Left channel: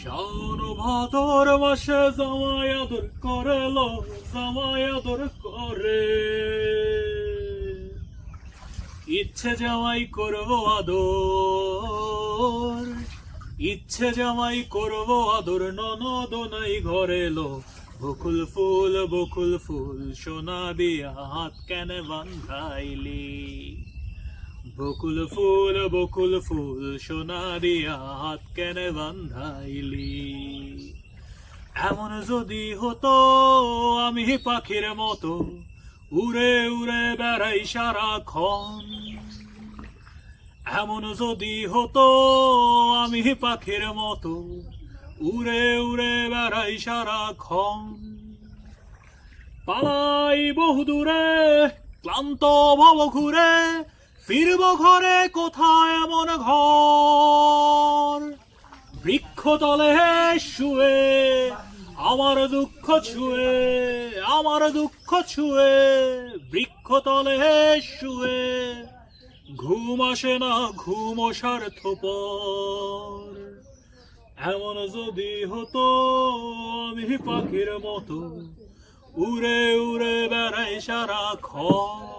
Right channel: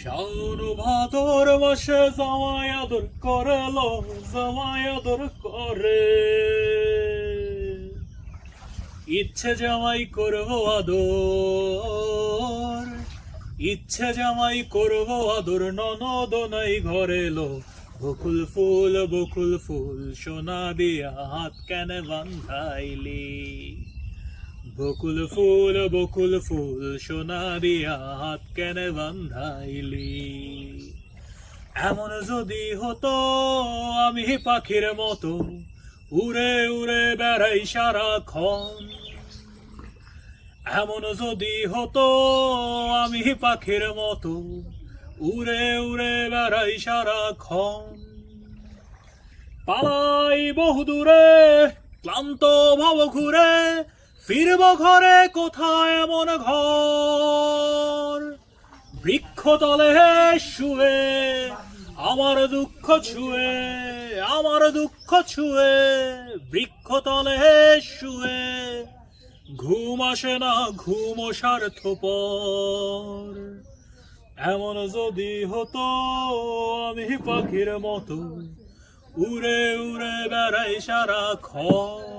শাওন ভাদর মাসে জামাই আদর করে লো, জামাই আদর করে। ইচ্ছে জামাই করবো আদর, ইচ্ছে জামাই করবো আদর, ননদ নাই ঘরে লো। বকুল ফুল সোনা দিয়া হাত কেন বান্ধাইলি। বকুল ফুল সোনা দিয়া হাত কেন বান্ধাইলি। এমন যদি হতো আমি পাখির মতো উড়ে উড়ে বেড়াই সারাক্ষণ। এমন যদি হতো আমি পাখির মতো উড়ে উড়ে বেড়াই সারাক্ষণ। পালাই বহুদূরে ক্লান্ত ভব ঘুরে, ফিরব ঘরে কোথায় এমন ঘর। বৃক্ষতলে শুয়ে আমার দুঃখ ছুঁয়ে, আমার দুঃখ ছুঁয়ে, বৃক্ষতলে শুয়ে ঘুম আসে না, ঘুম স্বার্থপর। এমন যদি হতো আমি পাখির মতো উড়ে উড়ে বেড়াই সারাক্ষণ।